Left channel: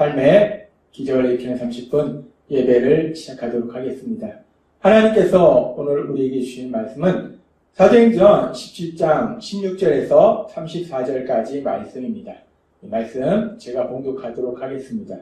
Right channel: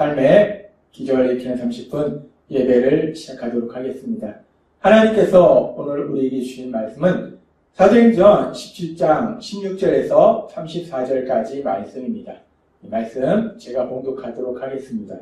삶의 기적을 일으키는 30분 예배를 시작하도록 하겠습니다. 하나님께서 오늘 우리에게 주신 말씀은 사도행전 17장 16절에서 34절까지 말씀입니다. 이 말씀 제가 봉독하도록 하겠습니다.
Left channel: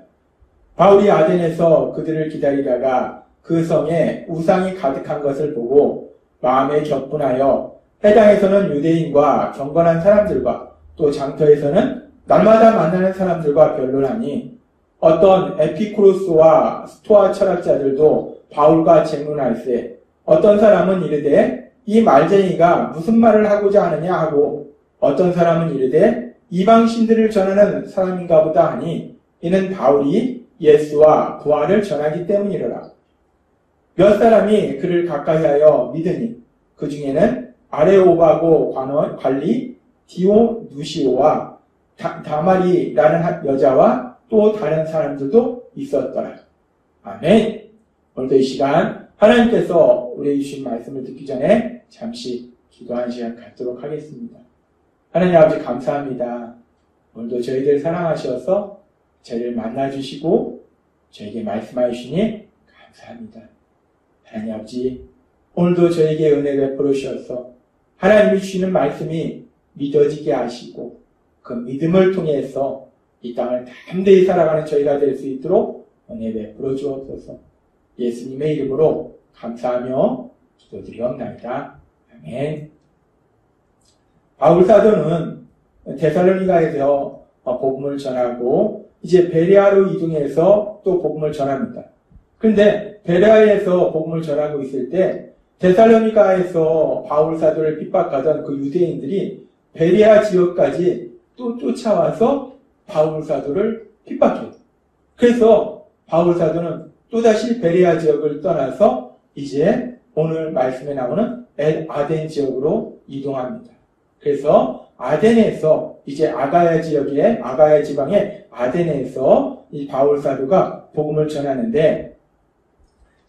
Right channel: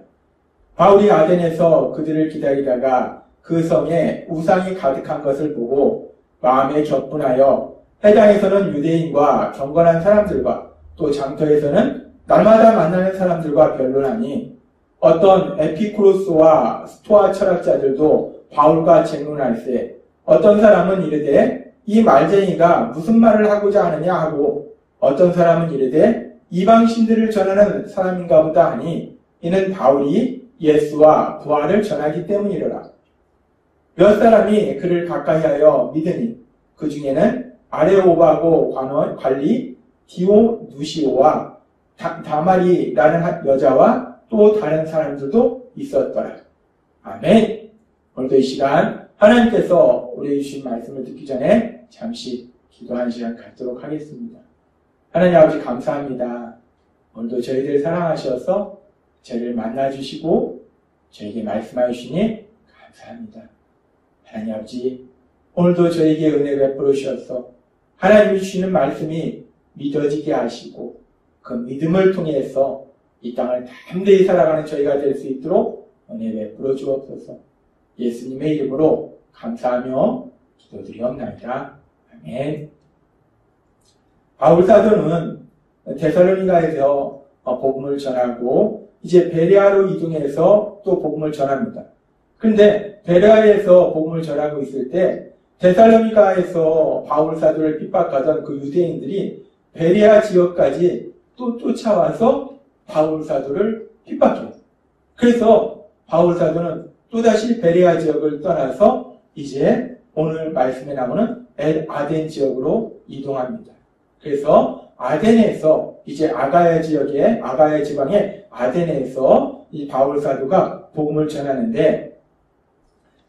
바울이 아덴에서 그들을 기다리다가 그 성에 우상이 가득한 것을 보고 마음에 격분하여 해당에서는 유대인과 경건한 사람들과 또 장터에서는 날마다 만나는 사람들과 변론하니 어떤 에피쿠로스와 스토아 철학자들도 바울과 쟁론할세 어떤 사람은 이르되 이 말쟁이가 무슨 말을 하고자 하느냐 하고 어떤 사람은 이르되 이방신들을 전하는 사람인가 보다 하니 이는 바울이 예수와 부활을 전하기 때문이라. 몇 사람이 그를 가까이하여 믿으니 그 중에는 아레오바고 관리 디오누시오와 다마리라는 여자와 또 다른 사람들도 있었더라. 아멘. 오늘도 이 시간 하나님께서 우리에게 주신 말씀을 듣기 전에 잠시 기도하는 시간 갖도록 하겠습니다. 하나님 아버지 감사합니다. 오늘도 저희들 사랑하셔서 저희를 만나주시고 저에게 말씀하여 주시니 감사합니다. 하나님 아버지 오늘도 저에게 은혜 베풀어 주셔서 하나님이 주시는 말씀이 믿어지게 하시고 그 믿음을 통해서 이 땅을 담대히 살아가는 저희가 될 수 있도록 은혜 베풀어 주옵소서. 예수님의 이름으로 감사하며 기도드리옵나이다. 아멘. 바울 사도는 데살로니가에서 복음을 전하고 이제 베레아로 이동해서 또 복음을 전합니다. 근데 베레아에서 복음을 전하고 있을 때 데살로니가에서 바울 사도를 핍박하던 그 유대인들이 베레아 지역까지 또 쫓아와서 바울 사도를 핍박해요. 그래서 바울 사도는 또다시 베레아 지역을 떠나서 이제 오늘 말씀에 나오는 아덴 지역으로 이동합니다. 그래서 아덴에서 이제 아가야 지방의 아덴에서 이 바울 사도가 복음을 전하는데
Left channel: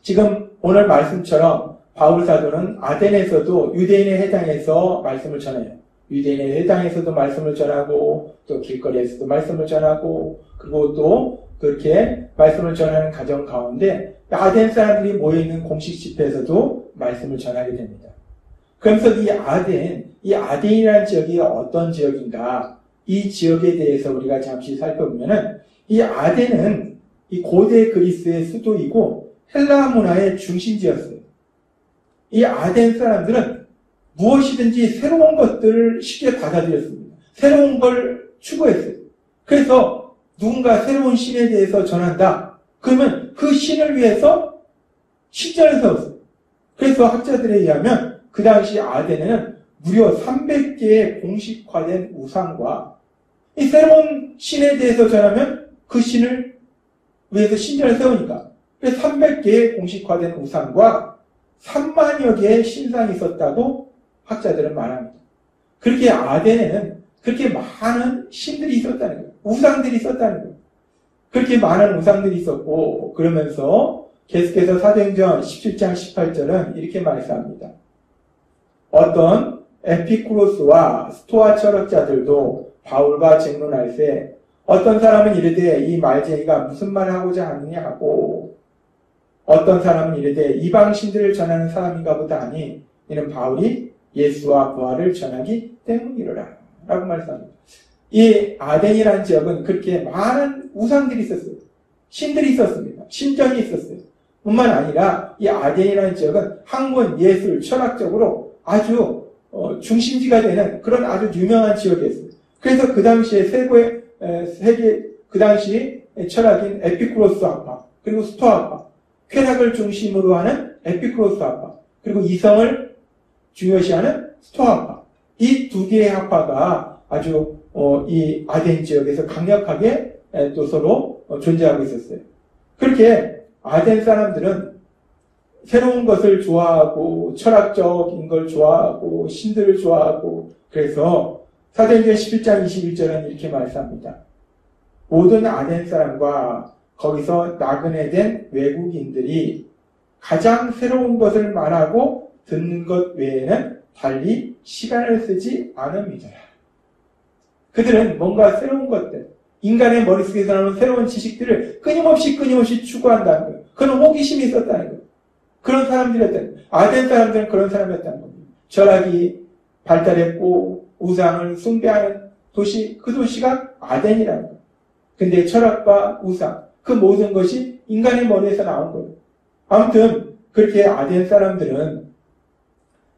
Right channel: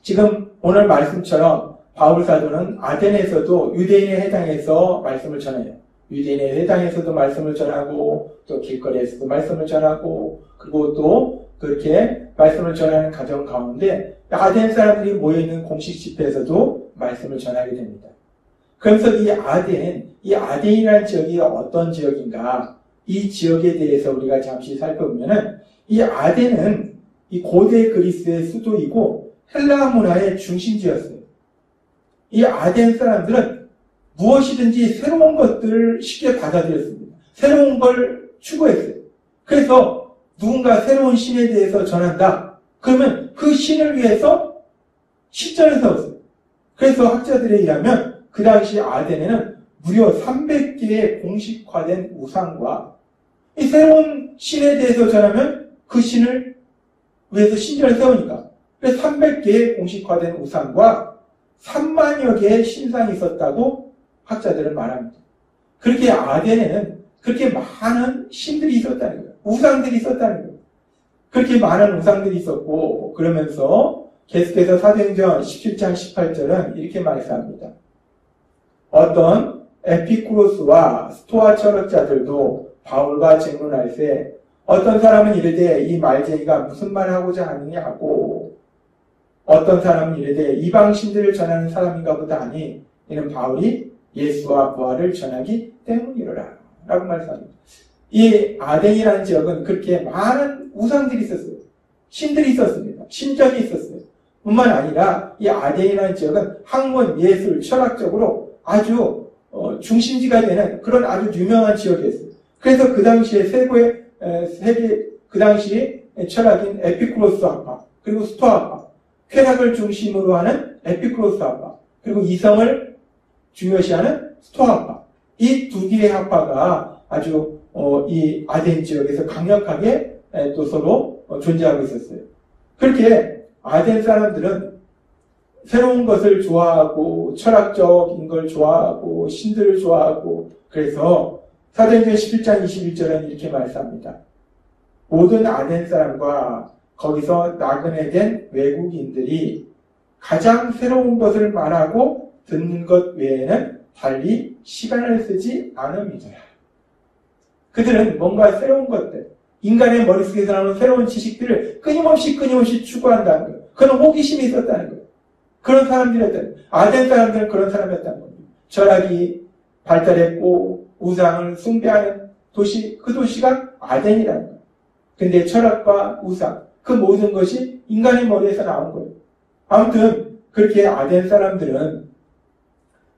지금 오늘 말씀처럼 바울 사도는 아덴에서도 유대인에 해당해서 말씀을 전해요. 유대인에 해당해서도 말씀을 전하고 또 길거리에서도 말씀을 전하고 그리고 또 그렇게 말씀을 전하는 가정 가운데 아덴 사람들이 모여있는 공식 집회에서도 말씀을 전하게 됩니다. 그러면서 이 아덴이라는 지역이 어떤 지역인가 이 지역에 대해서 우리가 잠시 살펴보면은 이 아덴은 이 고대 그리스의 수도이고 헬라 문화의 중심지였어요. 이 아덴 사람들은 무엇이든지 새로운 것들을 쉽게 받아들였습니다. 새로운 걸 추구했어요. 그래서 누군가 새로운 신에 대해서 전한다. 그러면 그 신을 위해서 신전을 세웠어요. 그래서 학자들에 의하면 그 당시 아덴에는 무려 300개의 공식화된 우상과 이 새로운 신에 대해서 전하면 그 신을 위해서 신전을 세우니까 그래서 300개의 공식화된 우상과 3만여 개의 신상이 있었다고 학자들은 말합니다. 그렇게 아덴에는 그렇게 많은 신들이 있었다는 거예요. 우상들이 있었다는 거예요. 그렇게 많은 우상들이 있었고 그러면서 계속해서 사도행전 17장 18절은 이렇게 말씀합니다. 어떤 에피쿠로스와 스토아 철학자들도 바울과 쟁론할세 어떤 사람은 이르되 이 말쟁이가 무슨 말을 하고자 하느냐 하고 어떤 사람은 이르되 이방신들을 전하는 사람인가 보다 하니 이는 바울이 예수와 부활을 전하기 때문이로라 라고 말씀합니다. 이 아덴이라는 지역은 그렇게 많은 우상들이 있었어요. 신들이 있었습니다. 신전이 있었어요. 뿐만 아니라 이 아덴이라는 지역은 학문, 예술, 철학적으로 아주 중심지가 되는 그런 아주 유명한 지역이었어요. 그래서 그 당시에 그 당시 철학인 에피쿠로스 학파, 그리고 스토아 학파, 쾌락을 중심으로 하는 에피쿠로스 학파, 그리고 이성을 중요시하는 스토아 학파. 이 두 개의 학파가 아주 이 아덴 지역에서 강력하게 또 서로 존재하고 있었어요. 그렇게 아덴 사람들은 새로운 것을 좋아하고 철학적인 걸 좋아하고 신들을 좋아하고 그래서 사도행전 11장 21절은 이렇게 말씀합니다. 모든 아덴 사람과 거기서 나그네 된 외국인들이 가장 새로운 것을 말하고 듣는 것 외에는 달리 시간을 쓰지 않습니다. 그들은 뭔가 새로운 것들, 인간의 머릿속에서 나오는 새로운 지식들을 끊임없이 추구한다는 거예요. 그런 호기심이 있었다는 거예요. 그런 사람들이었다는 거예요. 아덴 사람들은 그런 사람이었다는 거예요. 철학이 발달했고 우상을 숭배하는 도시, 그 도시가 아덴이라는 거예요. 근데 철학과 우상, 그 모든 것이 인간의 머리에서 나온 거예요. 아무튼 그렇게 아덴 사람들은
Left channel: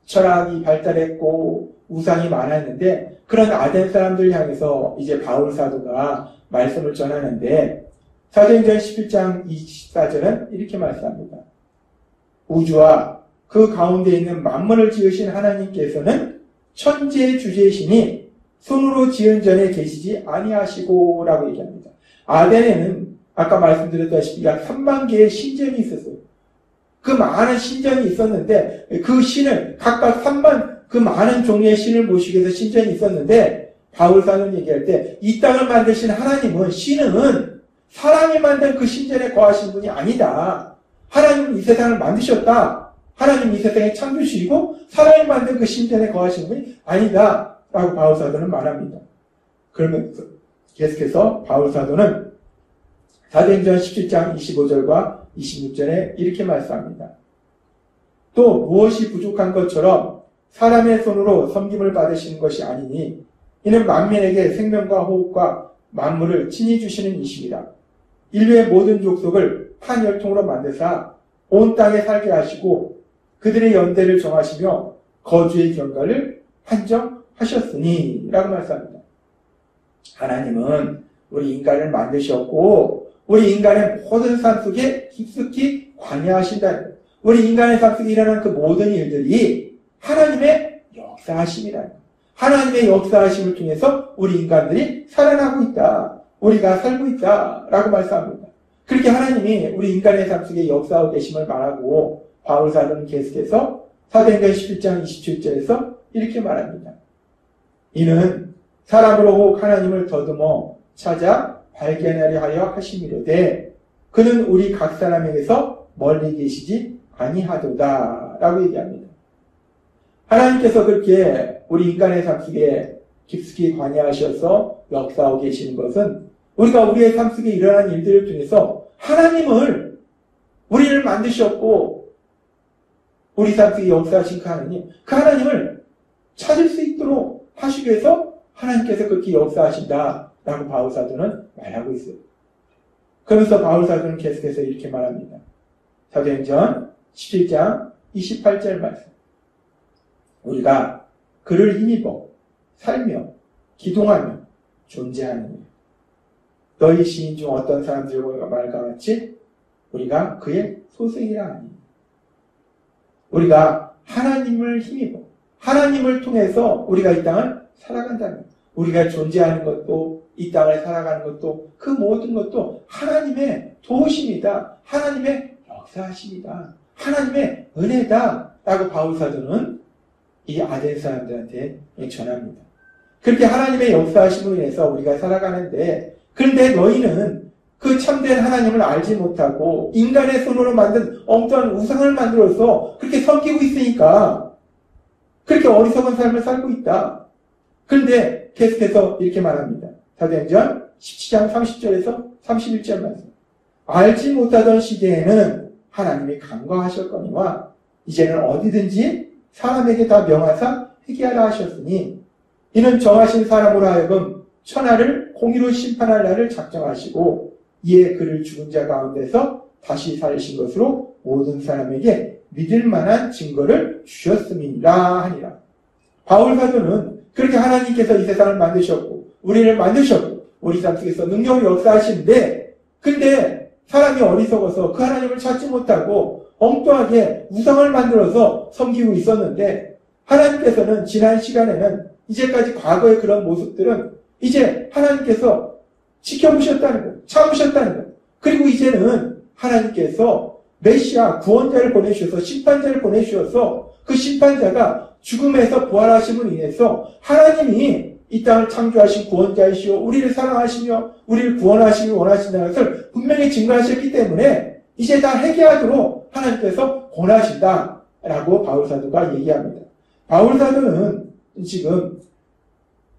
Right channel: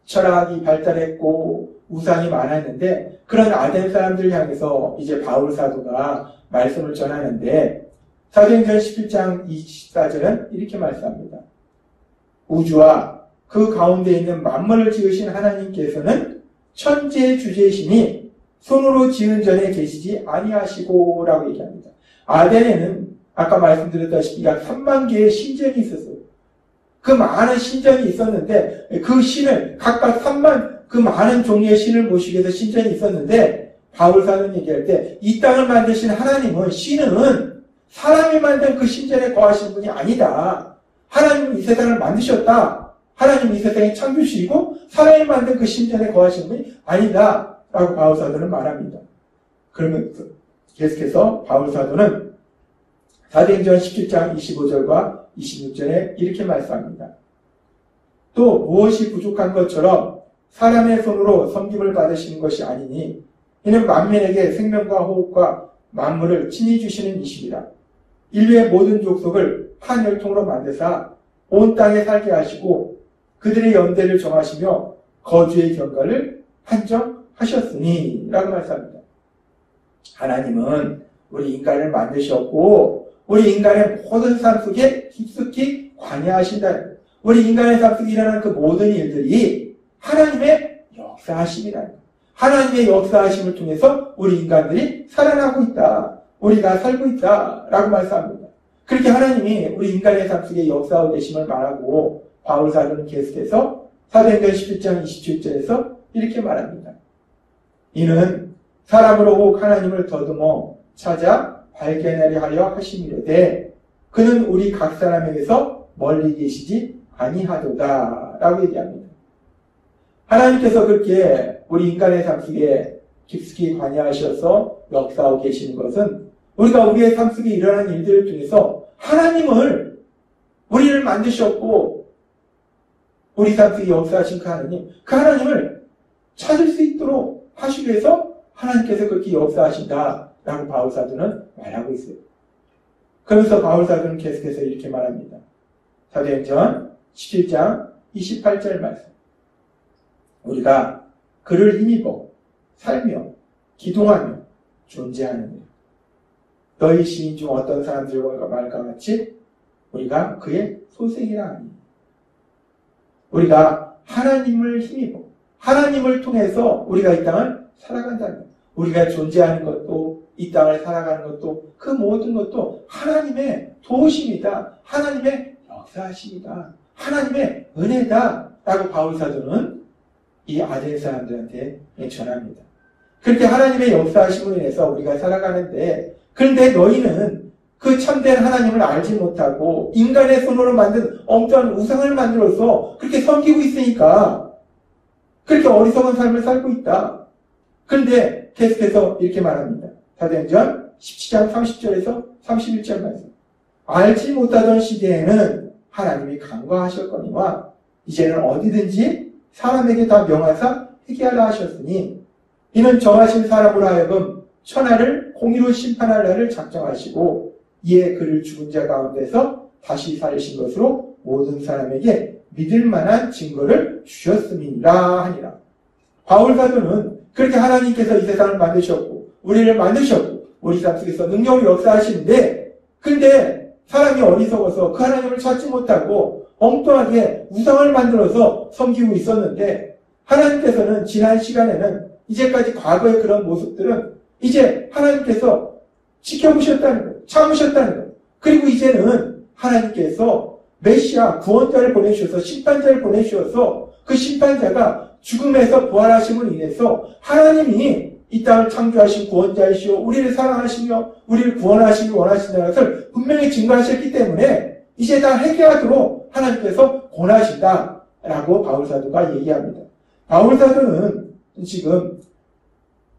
철학이 발달했고 우상이 많았는데 그런 아덴 사람들을 향해서 이제 바울 사도가 말씀을 전하는데 사도행전 11장 24절은 이렇게 말씀합니다. 우주와 그 가운데 있는 만물을 지으신 하나님께서는 천지의 주제이시니 손으로 지은 전에 계시지 아니하시고 라고 얘기합니다. 아덴에는 아까 말씀드렸다시피 약 3만 개의 신전이 있었어요. 그 많은 신전이 있었는데 그 신을 각각 3만 그 많은 종류의 신을 모시기 위해서 신전이 있었는데 바울 사도는 얘기할 때 이 땅을 만드신 하나님은 신은 사람이 만든 그 신전에 거하신 분이 아니다. 하나님은 이 세상을 만드셨다. 하나님은 이 세상의 창조주이고 사람이 만든 그 신전에 거하신 분이 아니다. 라고 바울 사도는 말합니다. 그러면 계속해서 바울 사도는 사도행전 17장 25절과 26절에 이렇게 말씀합니다. 또 무엇이 부족한 것처럼 사람의 손으로 섬김을 받으시는 것이 아니니 이는 만민에게 생명과 호흡과 만물을 친히 주시는 이시니라. 인류의 모든 족속을 한 혈통으로 만드사 온 땅에 살게 하시고 그들의 연대를 정하시며 거주의 경과를 한정하셨으니 라고 말씀합니다. 하나님은 우리 인간을 만드셨고 우리 인간의 모든 삶 속에 깊숙이 관여하신다는 거예요. 우리 인간의 삶 속에 일어나는 그 모든 일들이 하나님의 역사하심이라는 거예요. 하나님의 역사하심을 통해서 우리 인간들이 살아나고 있다. 우리가 살고 있다. 라고 말씀합니다. 그렇게 하나님이 우리 인간의 삶 속에 역사하고 계심을 말하고 바울 사도는 계속해서 사도행전 11장 27절에서 이렇게 말합니다. 이는 사람으로 혹 하나님을 더듬어 찾아 발견하려 하여 하심이로되 그는 우리 각 사람에게서 멀리 계시지 아니하도다 라고 얘기합니다. 하나님께서 그렇게 우리 인간의 삶 속에 깊숙이 관여하셔서 역사하고 계시는 것은 우리가 우리의 삶 속에 일어나는 일들을 통해서 하나님을 우리를 만드셨고 우리 삶 속에 역사하신 그 하나님을 찾을 수 있도록 하시기 위해서 하나님께서 그렇게 역사하신다라고 바울 사도는 말하고 있어요. 그러면서 바울 사도는 계속해서 이렇게 말합니다. 사도행전 17장 28절 말씀. 우리가 그를 힘입어 살며 기동하며 존재하느니라. 너희 시인 중 어떤 사람들과 말과 같이 우리가 그의 소생이라 하니. 우리가 하나님을 힘입어 하나님을 통해서 우리가 이 땅을 살아간다는 거예요. 우리가 존재하는 것도 이 땅을 살아가는 것도 그 모든 것도 하나님의 도우심이다. 하나님의 역사하심이다. 하나님의 은혜다. 라고 바울 사도는 이 아덴 사람들한테 전합니다. 그렇게 하나님의 역사하심으로 인해서 우리가 살아가는데 그런데 너희는 그 참된 하나님을 알지 못하고 인간의 손으로 만든 엉뚱한 우상을 만들어서 그렇게 섬기고 있으니까 그렇게 어리석은 삶을 살고 있다. 그런데 계속해서 이렇게 말합니다. 사도행전 17장 30절에서 31절 말씀. 알지 못하던 시대에는 하나님이 간과하셨거니와 이제는 어디든지 사람에게 다 명하사 회개하라 하셨으니 이는 정하신 사람으로 하여금 천하를 공의로 심판할 날을 작정하시고 이에 그를 죽은 자 가운데서 다시 살리신 것으로 모든 사람에게 믿을 만한 증거를 주셨음이니라 하니라. 바울 사도는 그렇게 하나님께서 이 세상을 만드셨고 우리를 만드셨고 우리 삶 속에서 능력을 역사하시는데 근데 사람이 어리석어서 그 하나님을 찾지 못하고 엉뚱하게 우상을 만들어서 섬기고 있었는데 하나님께서는 지난 시간에는 이제까지 과거의 그런 모습들은 이제 하나님께서 지켜보셨다는 거예요. 참으셨다는 거예요. 그리고 이제는 하나님께서 메시아 구원자를 보내주셔서 심판자를 보내주셔서 그 심판자가 죽음에서 부활하심을 인해서 하나님이 이 땅을 창조하신 구원자이시오 우리를 사랑하시며 우리를 구원하시기 원하신다는 것을 분명히 증거하셨기 때문에 이제 다 회개하도록 하나님께서 권하신다라고 바울사도가 얘기합니다. 바울사도는 지금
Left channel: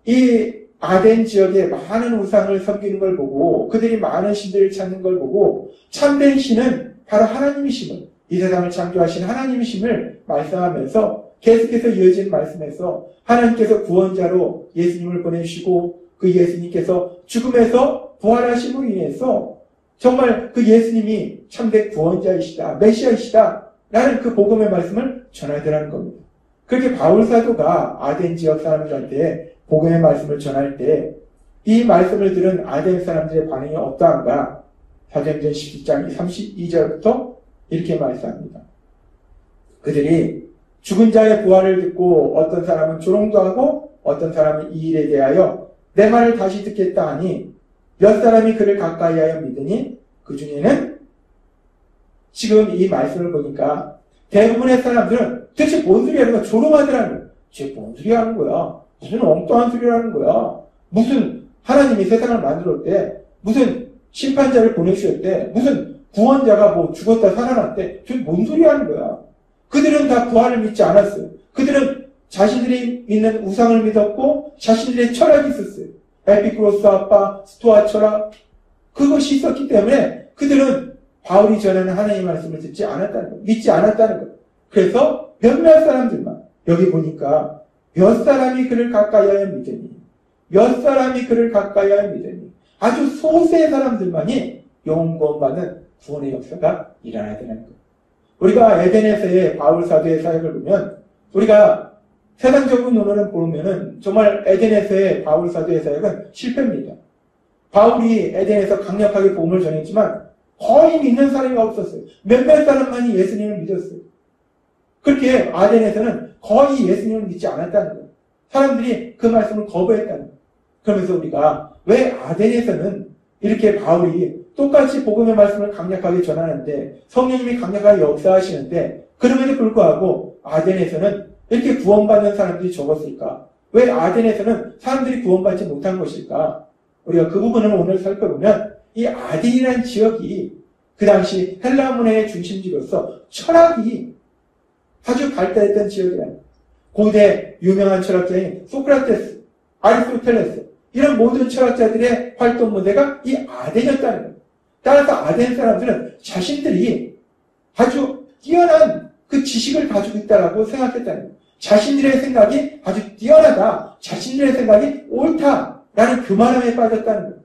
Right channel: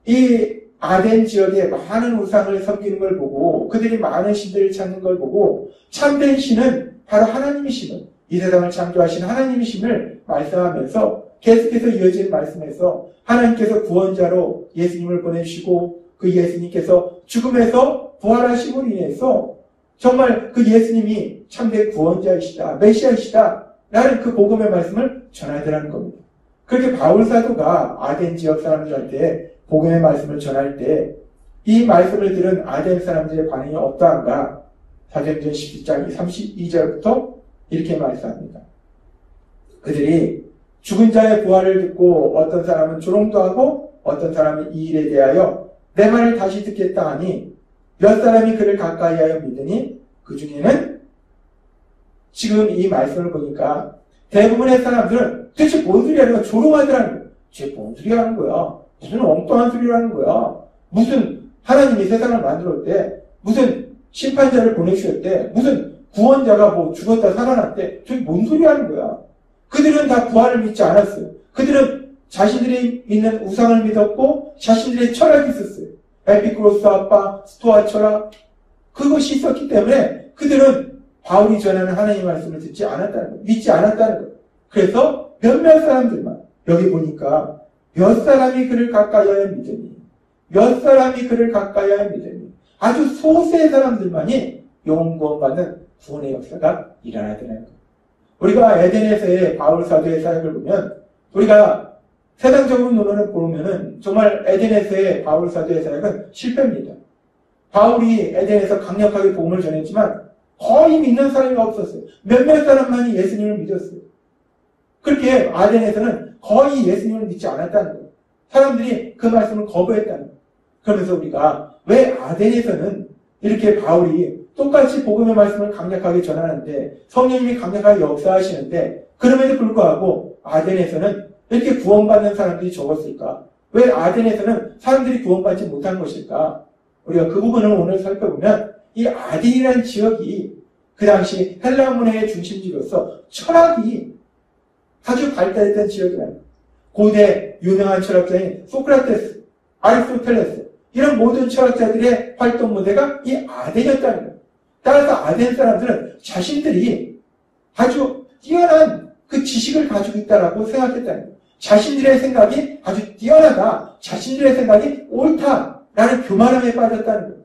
이 아덴 지역에 많은 우상을 섬기는 걸 보고 그들이 많은 신들을 찾는 걸 보고 참된 신은 바로 하나님이심을, 이 세상을 창조하신 하나님이심을 말씀하면서 계속해서 이어진 말씀에서 하나님께서 구원자로 예수님을 보내주시고 그 예수님께서 죽음에서 부활하심으로 인해서 정말 그 예수님이 참된 구원자이시다, 메시아이시다 라는 그 복음의 말씀을 전하더라는 겁니다. 그렇게 바울 사도가 아덴 지역 사람들한테 복음의 말씀을 전할 때 이 말씀을 들은 아덴 사람들의 반응이 어떠한가? 사도행전 17장 32절부터 이렇게 말씀합니다. 그들이 죽은 자의 부활을 듣고 어떤 사람은 조롱도 하고 어떤 사람은 이 일에 대하여 내 말을 다시 듣겠다 하니 몇 사람이 그를 가까이하여 믿으니 그 중에는 지금 이 말씀을 보니까 대부분의 사람들은 도대체 뭔 소리 하는 거야? 조롱하더라는 거야. 도대체 뭔 소리 하는 거야? 무슨 엉뚱한 소리 하는 거야? 무슨 하나님이 세상을 만들었대? 무슨 심판자를 보내주셨대? 무슨 구원자가 뭐 죽었다 살아났대? 도대체 뭔 소리 하는 거야? 그들은 다 부활을 믿지 않았어요. 그들은 자신들이 믿는 우상을 믿었고 자신들의 철학이 있었어요. 에피쿠로스 아빠, 스토아 철학, 그것이 있었기 때문에 그들은 바울이 전하는 하나님의 말씀을 듣지 않았다는 거예요. 믿지 않았다는 거예요. 그래서 몇몇 사람들만, 여기 보니까 몇 사람이 그를 가까이하여 믿으니, 몇 사람이 그를 가까이하여 믿으니, 아주 소수의 사람들만이 영혼 구원받는 구원의 역사가 일어나더라는 거예요. 우리가 에덴에서의 바울 사도의 사역을 보면, 우리가 세상적으로 눈으로 보면은 정말 에덴에서의 바울 사도의 사역은 실패입니다. 바울이 에덴에서 강력하게 복음을 전했지만 거의 믿는 사람이 없었어요. 몇몇 사람만이 예수님을 믿었어요. 그렇게 아덴에서는 거의 예수님을 믿지 않았다는 거예요. 사람들이 그 말씀을 거부했다는 거예요. 그러면서 우리가 왜 아덴에서는 이렇게 바울이 똑같이 복음의 말씀을 강력하게 전하는데 성령님이 강력하게 역사하시는데 그럼에도 불구하고 아덴에서는 이렇게 구원받는 사람들이 적었을까? 왜 아덴에서는 사람들이 구원받지 못한 것일까? 우리가 그 부분을 오늘 살펴보면 이 아덴이라는 지역이 그 당시 헬라 문화의 중심지로서 철학이 아주 발달했던 지역이에요. 고대 유명한 철학자인 소크라테스, 아리스토텔레스 이런 모든 철학자들의 활동 무대가 이 아덴이었다는 거예요. 따라서 아덴 사람들은 자신들이 아주 뛰어난 그 지식을 가지고 있다라고 생각했다는 거예요. 자신들의 생각이 아주 뛰어나다, 자신들의 생각이 옳다라는 교만함에 빠졌다는 거예요.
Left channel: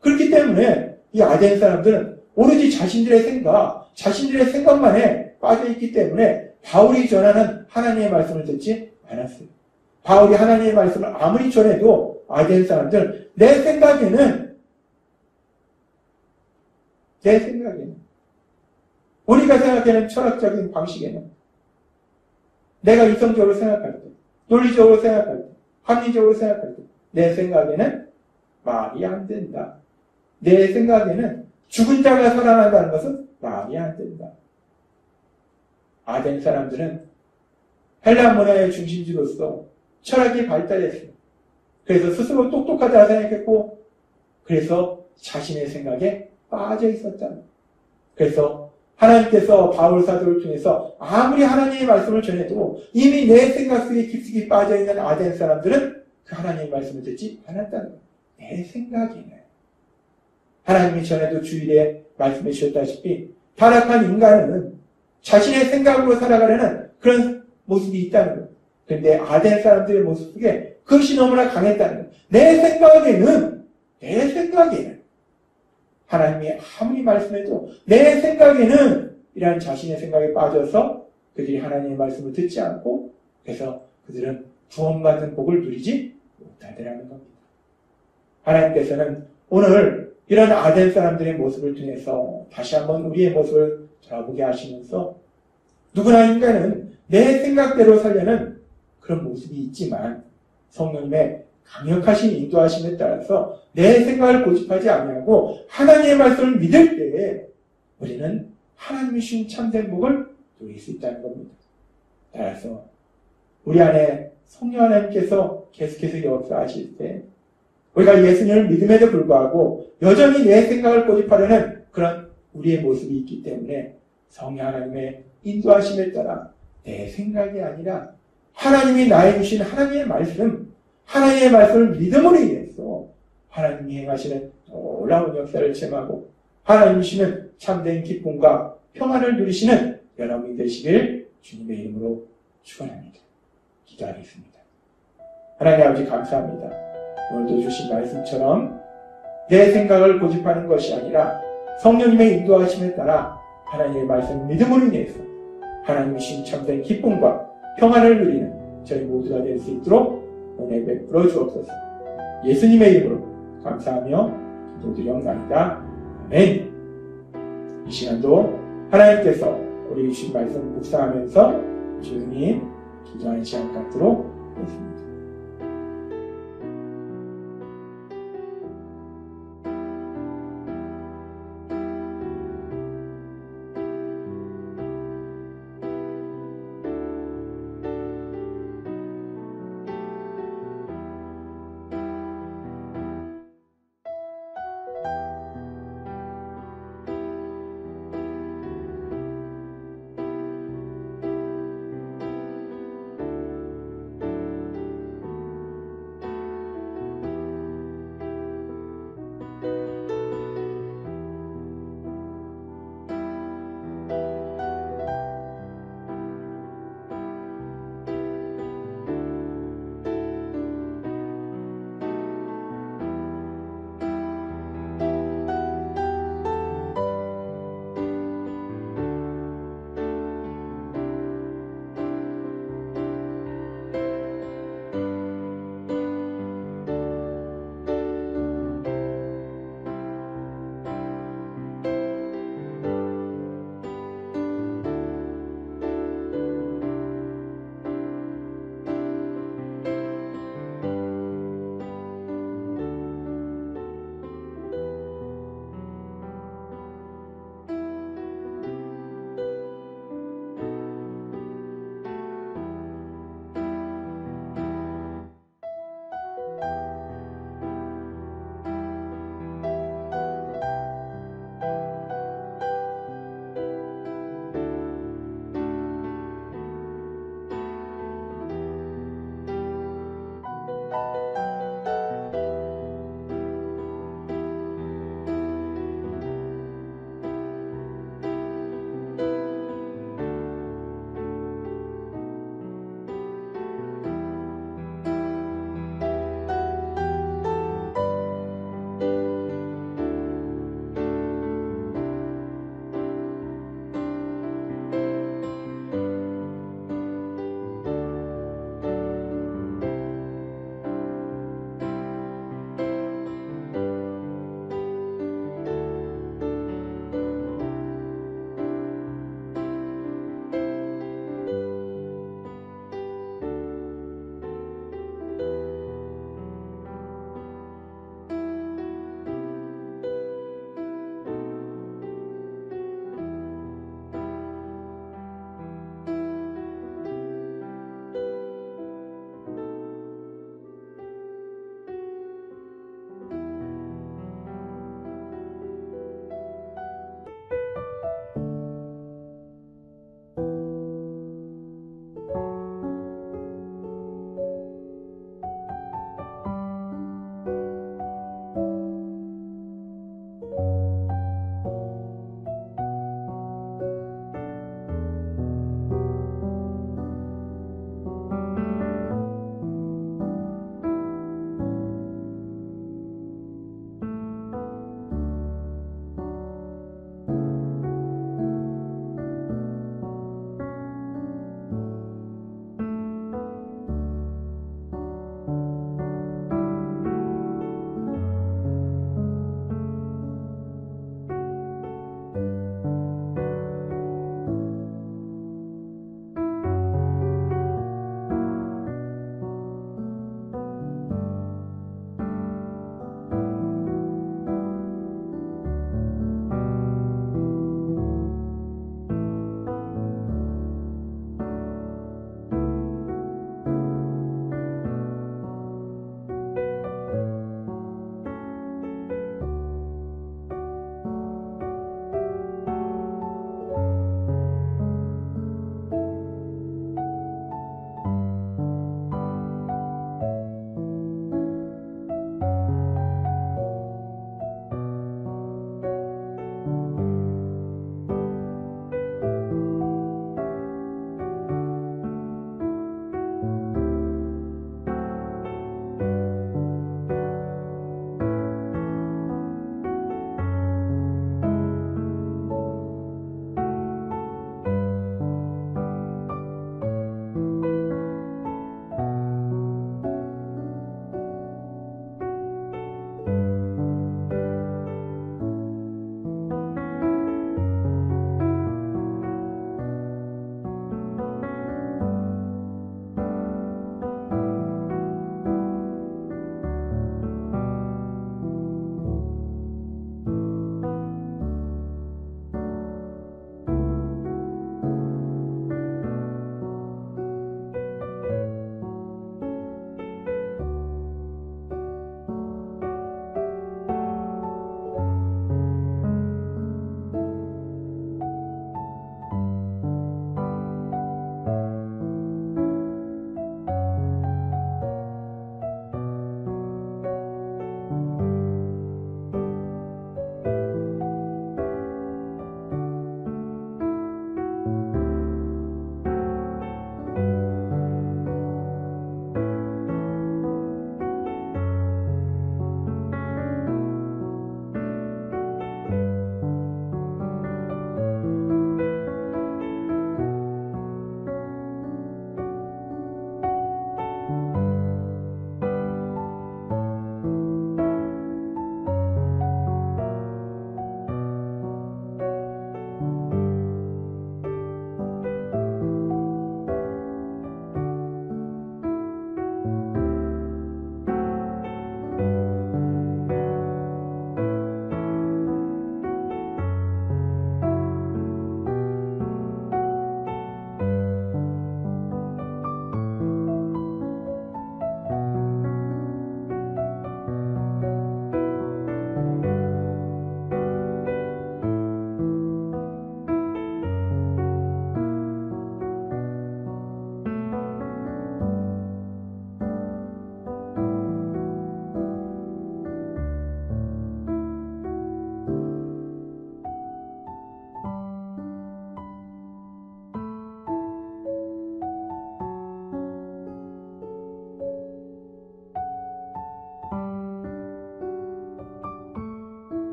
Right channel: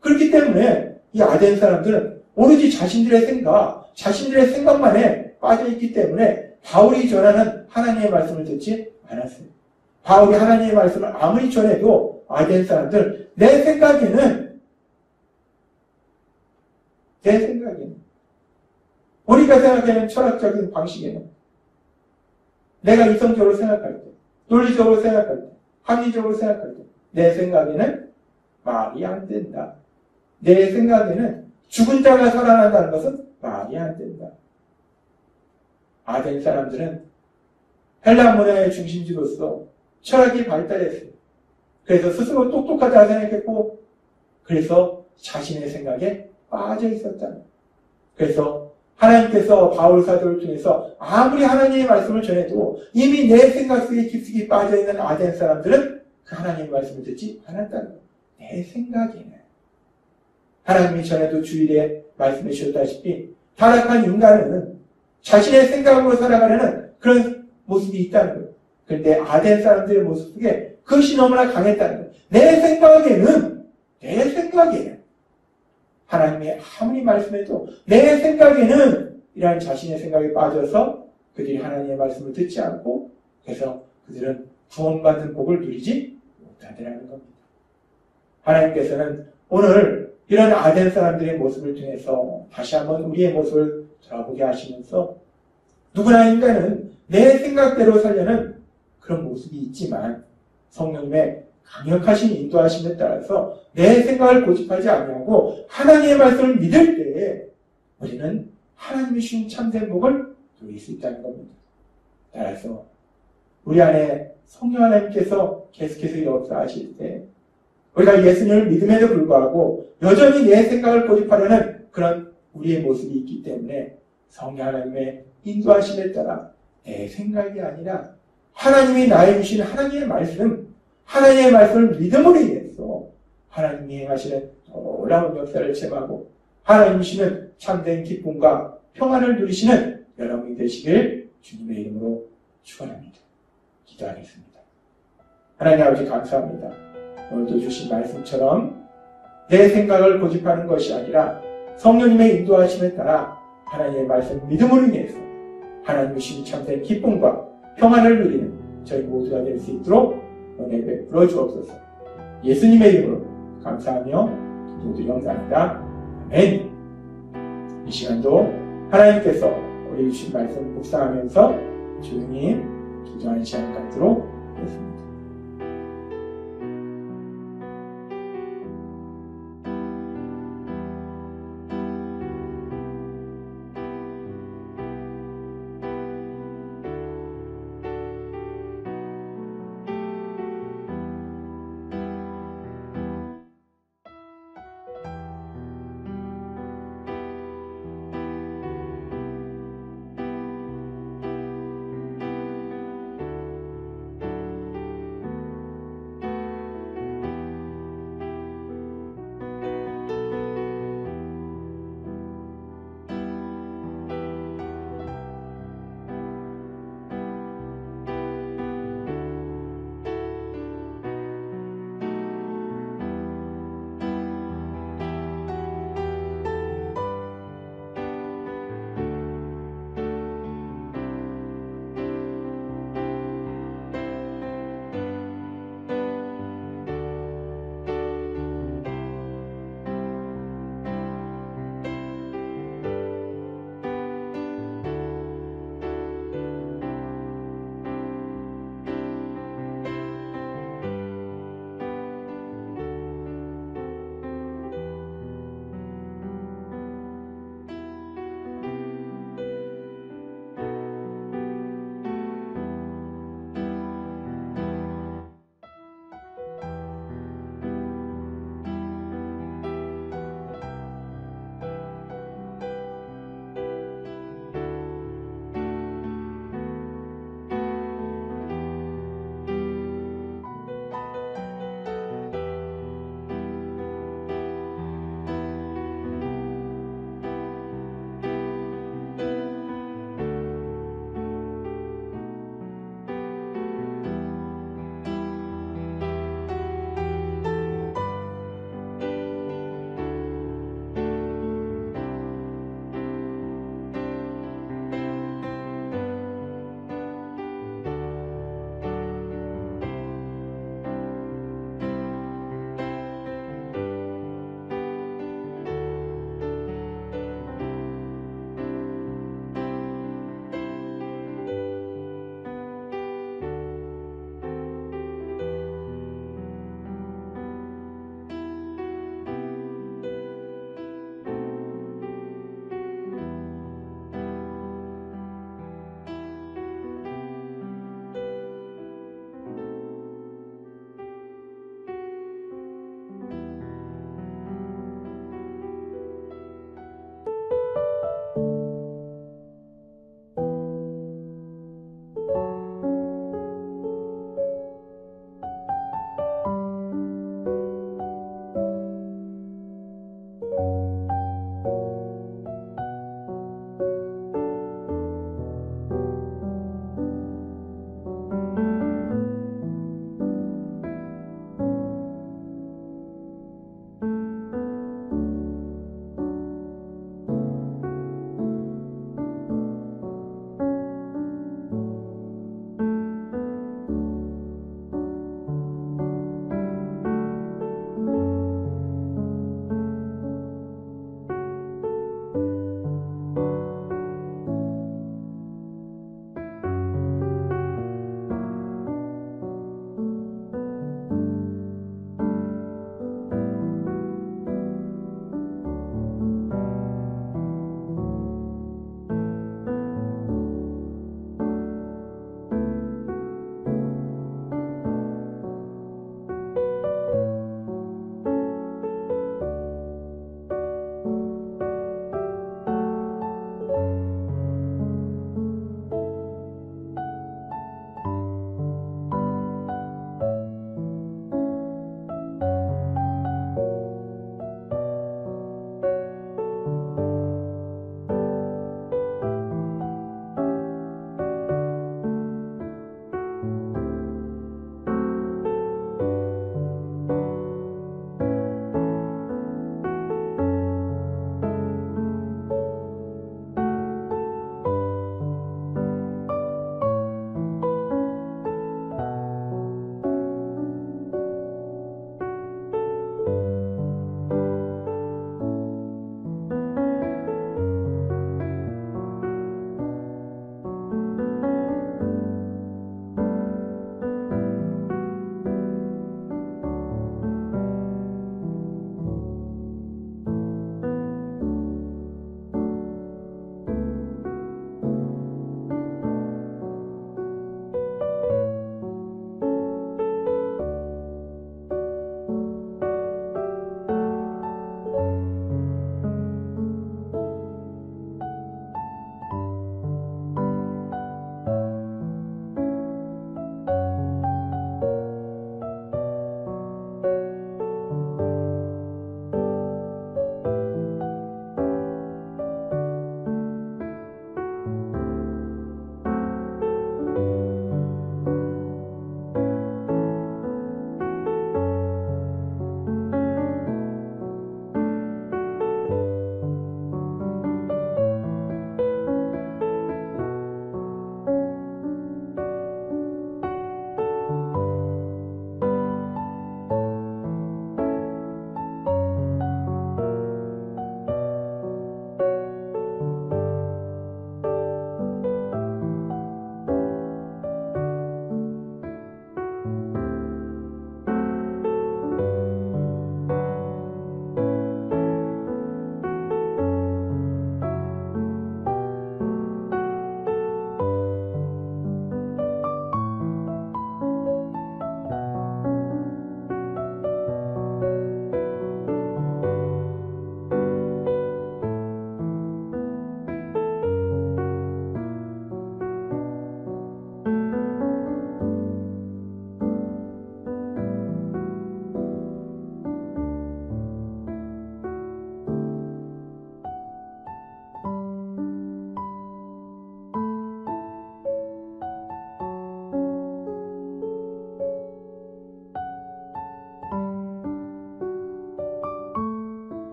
그렇기 때문에 이 아덴 사람들은 오로지 자신들의 생각만에 빠져있기 때문에 바울이 전하는 하나님의 말씀을 듣지 않았어요. 바울이 하나님의 말씀을 아무리 전해도 아덴 사람들 내 생각에는 우리가 생각하는 철학적인 방식에는 내가 이성적으로 생각할 때, 논리적으로 생각할 때, 합리적으로 생각할 때 내 생각에는 말이 안 된다. 내 생각에는 죽은 자가 살아난다는 것은 말이 안 된다. 아덴 사람들은 헬라 문화의 중심지로서 철학이 발달했어요. 그래서 스스로 똑똑하다 생각했고 그래서 자신의 생각에 빠져 있었다. 그래서 하나님께서 바울 사도를 통해서 아무리 하나님의 말씀을 전해도 이미 내 생각 속에 깊숙이 빠져있는 아덴 사람들은 그 하나님의 말씀을 듣지 않았다는 거예요. 내 생각에는. 하나님이 전에도 주일에 말씀해 주셨다시피 타락한 인간은 자신의 생각으로 살아가려는 그런 모습이 있다는 거예요. 그런데 아덴 사람들의 모습 속에 그것이 너무나 강했다는 거예요. 내 생각에는 하나님이 아무리 말씀해도 내 생각에는 이라는 자신의 생각에 빠져서 그들이 하나님의 말씀을 듣지 않고 그래서 그들은 구원받은 복을 누리지 못하더라는 겁니다. 하나님께서는 오늘 이런 아덴 사람들의 모습을 통해서 다시 한번 우리의 모습을 돌아보게 하시면서 누구나 인간은 내 생각대로 살려는 그런 모습이 있지만 성령님의 강력하신 인도하심에 따라서 내 생각을 고집하지 아니하고 하나님의 말씀을 믿을 때에 우리는 하나님이 주신 참된 복을 누릴 수 있다는 겁니다. 따라서 우리 안에 성령 하나님께서 계속해서 역사하실 때 우리가 예수님을 믿음에도 불구하고 여전히 내 생각을 고집하려는 그런 우리의 모습이 있기 때문에 성령 하나님의 인도하심에 따라 내 생각이 아니라 하나님이 나에게 주신 하나님의 말씀을 믿음으로 인해서 속에서도 하나님이 행하시는 놀라운 역사를 체험하고 하나님 주시는 참된 기쁨과 평안을 누리시는 여러분이 되시길 주님의 이름으로 축원합니다. 기도하겠습니다. 하나님 아버지 감사합니다. 오늘도 주신 말씀처럼 내 생각을 고집하는 것이 아니라 성령님의 인도하심에 따라 하나님의 말씀 믿음으로 인해서 하나님 주신 참된 기쁨과 평안을 누리는 저희 모두가 될 수 있도록 은혜 베풀어 주옵소서. 예수님의 이름으로 감사하며 기도드리옵나이다. 아멘. 이 시간도 하나님께서 우리 주신 말씀 묵상하면서 조용히 기도하는 시간 갖도록 하겠습니다.